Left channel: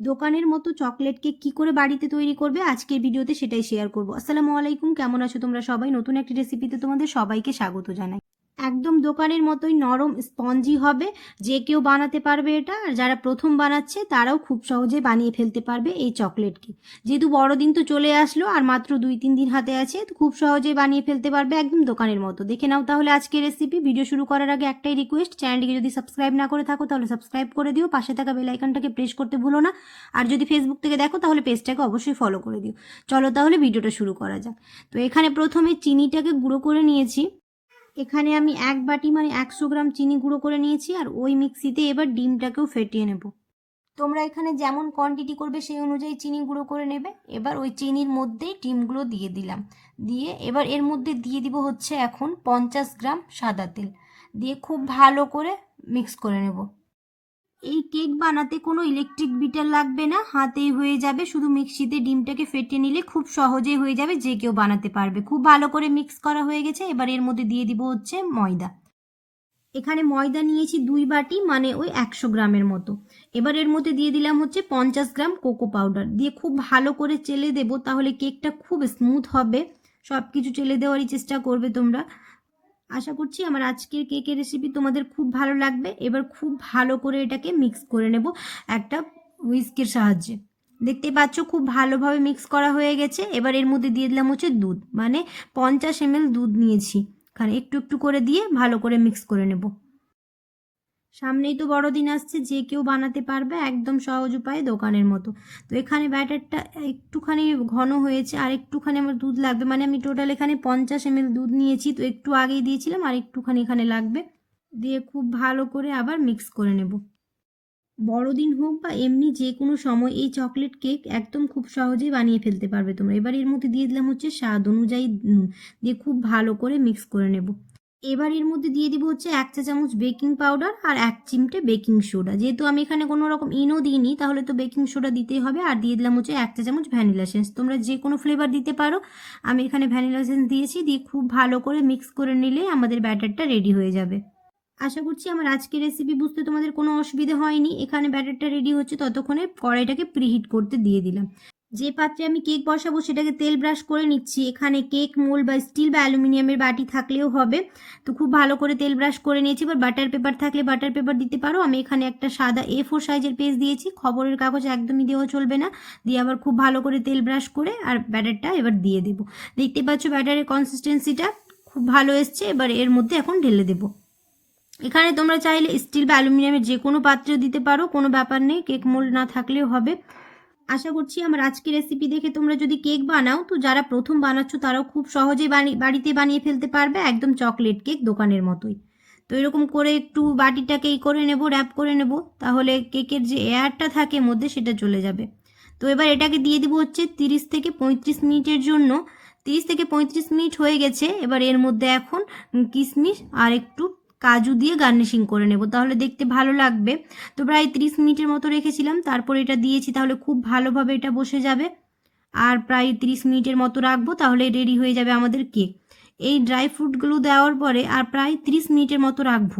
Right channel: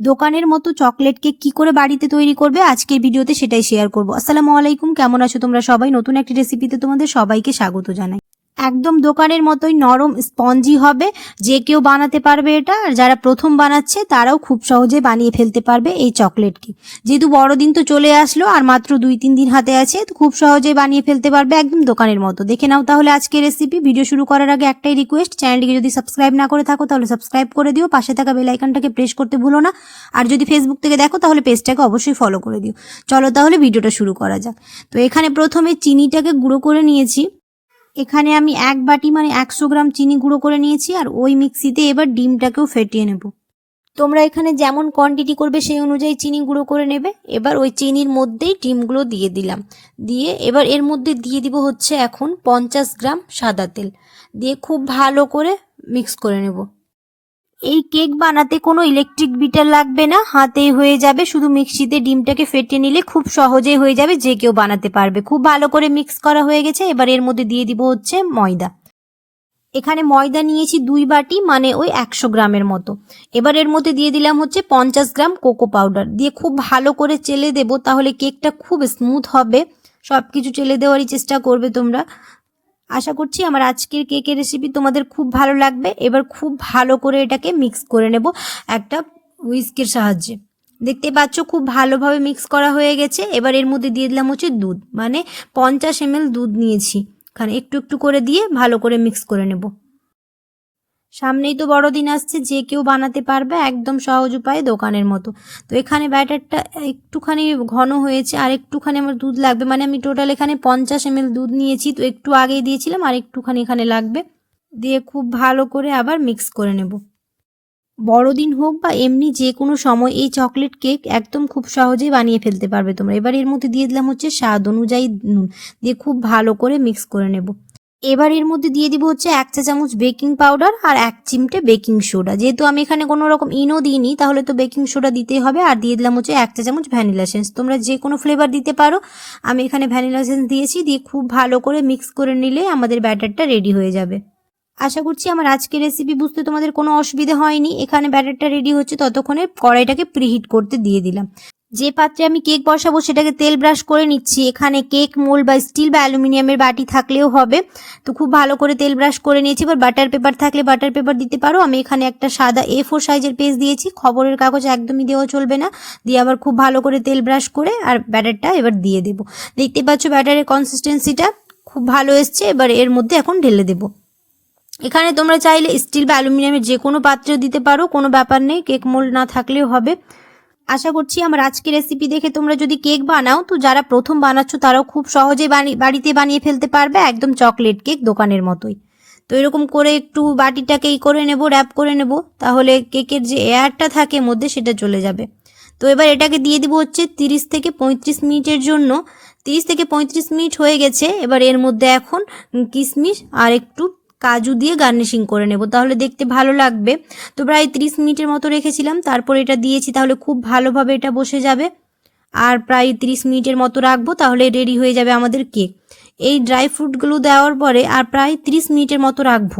দোকানের মতো chocolate cake কি করে বাড়িতে তৈরি করবে? আজকের ভিডিওতে সেটাই শেয়ার করব। আসসালামু আলাইকুম, কেমন আছো তোমরা সবাই? নতুন একটি রেসিপিতে তোমাদের সবাইকে স্বাগত জানাই। একদম দোকানের মতোই নরম স্পঞ্জি হবে। যে কেউ বানাতে পারবে এটা, আর যারা প্রথম বানাচ্ছে তারাও খুব সহজে বানিয়ে ফেলতে পারবে এই চকলেট কেক যেহেতু বড়দিন তো চলে আসলো, আর মাত্র দুই তিন দিন হাতে আছে, তো খুব সহজে বানিয়ে ফেলতে পারবে একদম দোকানের মতো। দেখে নাও তাহলে আজকে রেসিপি ভিডিও শুরু করার আগে একটাই রিকোয়েস্ট চ্যানেলটিকে যদি সাবস্ক্রাইব না করে থাকো তাহলে সাবস্ক্রাইব করে দিও। পাশে থাকা বেল আইকনটাকে প্রেস করতে ভুলো না। আর যদি ফেসবুক থেকে দেখো তাহলে পেজটাকে অবশ্যই ফলো করে দিও। চলো তাহলে ভিডিওটা শুরু করা যাক। তো এখানে প্রথমে চিনিটাকে গুঁড়ো করে নিয়েছি। এখানে আমি এক বাটি মানে একশো গ্রাম চিনি গুঁড়ো করে নিয়েছি আর ওই মিক্সিতে এবার ডিমটাকেও ফেটিয়ে নেব। তোমরা এখানে যেমন কোয়ান্টিটি করবে সেই অনুযায়ী চিনি গুঁড়ো করে নেবে। এবার ওই চিনির মধ্যেই ডিমগুলো দিয়ে দিলাম। দিয়ে এবার এর মধ্যে দিয়ে দিব হচ্ছে এখন পঞ্চাশ গ্রাম সাদা তেল। দিয়ে খুব ভালো করে মিক্স করে নেব। এই কেক বানাতে কোনো ইলেকট্রিক বিটার লাগবে না, হাতেই হয়ে যাবে। শুধু মিক্সিতে ডিমটাকে ফেটে নিলে খুব সহজেই হয়ে যাবে, যে কেউ বানাতে পারবে। খুব ভালো করে মিক্স করা হয়ে গেছে, এবার এর মধ্যে দিয়ে দিব হচ্ছে ময়দা। এখানে ময়দা নিয়েছি দুই বাটি মানে ওই একশো গ্রামের মতো। এবার এর মধ্যে দিয়ে দিলাম হচ্ছে পঞ্চাশ গ্রাম কোকো পাউডার। দিয়ে খুব ভালো করে চেলে দেবো, তাহলে কেকটা খুব স্মুথ হবে। সব কিছু চেলে দেওয়ারই চেষ্টা করবে তোমরা। আশা করছি আমার আজকের কেকের রেসিপি তোমাদের খুব ভালো লাগবে। এবার খুব ভালো করে এটাকে মিক্স করে নেব একটা হুইস্কের সাহায্যে। দেখতে পাচ্ছ খুব ভালোভাবে মিক্স করা হয়ে গেছে। এবার এর মধ্যে দিয়ে দিলাম হচ্ছে দুধ। মানে পঞ্চাশ এমএল দুধ নিয়েছি। এখানে একটু একটু করে দিয়ে ভালো করে মিক্স করে নেব। সামনেই তো বড়দিন আসছে, যে কেউ বানাতে পারবে একদম সহজ উপায়ে দোকানের মতো। তো এখানে ব্যাটারটা একটুখানি ঘন হয়েছে, আর একটুখানি আমার দুধ লাগবে। মানে আমি টোটাল এখানে পঞ্চাশ এম দুধ নিয়েছি, তো একটু আগেই দিয়েছিলাম, আর একটুখানি এখানে লাগবে। দিয়ে খুব ভালো করে আবার মিক্স করে নেব। বড়দিন হোক বা এমনি যে কোনো সময় এই চকলেট কেক একদম খুব সহজেই বানিয়ে ফেলতে পারবে তোমরা। এবার এর মধ্যে দিয়ে দিলাম হচ্ছে স্বাদ অনুযায়ী নুন। দিয়ে খুব ভালো করে মিক্স করে নেব। এবার এর মধ্যে দিয়ে দিব হচ্ছে এক চা চামচ বেকিং পাউডার আর এক চিমটে বেকিং সোডা। যেহেতু আমি এখানে কোনো রকম ইনো দিইনি, তাহলে তো বেকিং সোডা দিতেই হবে আর দিয়ে দিলাম হচ্ছে এক চা চামচ ভ্যানিলা সেন্স তোমরা যে কোনো ফ্লেভার দিতে পারো। আমি এখানে ভ্যানিলা সেন্স দিয়েছি, দিয়ে খুব ভালো করে মিক্স করে নিলে আমাদের ব্যাটারটা রেডি হয়ে যাবে। আশা করছি আমার আজকের রেসিপি বুঝতে তোমাদের কোনো অসুবিধা হয়নি। এখানে ব্যাটারটা রেডি হচ্ছে ততক্ষণে কড়াইটাকে প্রিহিট করতে দিয়ে দিলাম। যে পাত্রে আমি কেক বসাবো সেটাকে তেল ব্রাশ করে নিচ্ছি। এখানে কেক, মোল বা স্টিল বা অ্যালুমিনিয়ামের বাটি থাকলেও হবে। তো খুব ভালো করে তেল ব্রাশ করে নিয়েছি। এবার বাটার পেপার থাকলে বাটার পেপার দিতে পারো। আমি এখানে একটা সাদা এ ফোর সাইজের পেজ দিয়েছি। খবরের কাগজ একদমই দেওয়া চলবে না। দিয়ে আবার খুব ভালো করে তেল ব্রাশ করে আর ব্যাটারটা এবার দিয়ে দেবো। দেখতে পাচ্ছ ব্যাটারের কনসিস্টেন্সিটা খুব ভালো এসছে। এবার এর মধ্যে এখন ঢেলে দেবো। এখানে তোমরা চাইলে স্টিল বা অ্যালুমিনিয়ামের যে কোনো পাত্রেও দিতে পারো। কোনো ব্যাপার নেই। কেক মোল্ড না থাকলেও হবে। আশা করছি আমার আজকের রেসিপি দেখে তোমরা যদি কেক বানাও, তো যারা প্রথম বানাচ্ছ তারাও খুব সহজে বাড়িতে বানিয়ে ফেলতে পারবে একদম চকলেট কেক দোকানের মতোই। তো এরকম করে একটু বাটিটাকে ই করে নেব র্যাপ করে নেব, তাহলে কেকের যে এয়ারটা থাকে মধ্যে সেটা চলে যাবে। তো এবার এটাকে দিয়ে দিব হচ্ছে তিরিশ থেকে পঁয়ত্রিশ মিনিটের জন্য। তিরিশ থেকে পঁয়ত্রিশ মিনিট হয়ে গেছে, এবার এর মধ্যে এখন কিশমিশ আর একটু কাজু দিয়ে গার্নিশিং করে নেব, তাহলে দেখতে ভালো লাগবে। তো প্রায় ত্রিশ মিনিটের মতো রেখেছিলাম, তারপর এটা দিয়েছি, তাহলে খুব ভালোভাবে এটা বসে যাবে। আর প্রায় ত্রিশ মিনিটের মতো রাখব, তাহলে রেডি হয়ে যাবে আমাদের কেক। এই ড্রাই ফ্রুটগুলো দেওয়ার পরে আর প্রায় ত্রিশ মিনিটের মতো রাখব।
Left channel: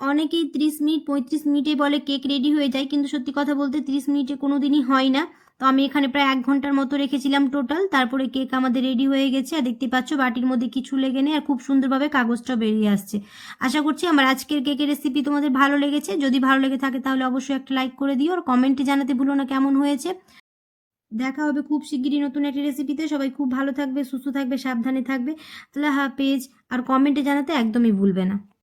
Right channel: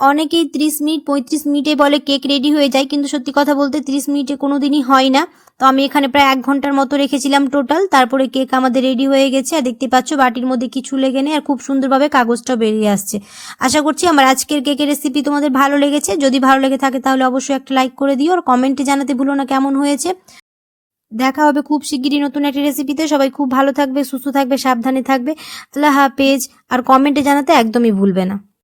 অনেকেই ত্রিশ মিনিট, পঁয়ত্রিশ মিনিটে বলে কেক রেডি হয়ে যায়, কিন্তু সত্যি কথা বলতে ত্রিশ মিনিটে কোনো দিনই হয় না। তো আমি এখানে প্রায় এক ঘণ্টার মতো রেখেছিলাম টোটাল তারপরে কেক আমাদের রেডি হয়ে গেছে। আর দেখতে পাচ্ছ, বাটির মধ্যে কিছু লেগে নেই আর খুব সুন্দরভাবে কাগজটাও বেরিয়ে আসছে। আশা করছি আমার আজকের কেকের রেসিপি তোমাদের ভালো লেগেছে। যদি ভালো লেগে থাকে তাহলে অবশ্যই একটা লাইক করে দিও। আর কমেন্টে জানাতে ভুলো না কেমন হয়েছে। দেখা হবে খুব শিগগিরই নতুন একটা রেসিপিতে সবাই খুব ভালো থাকবে, সুস্থ থাকবে, সাবধানে থাকবে। আল্লাহ হাফেজ। আর কমেন্টে জানাতে একদমই ভুলবে না।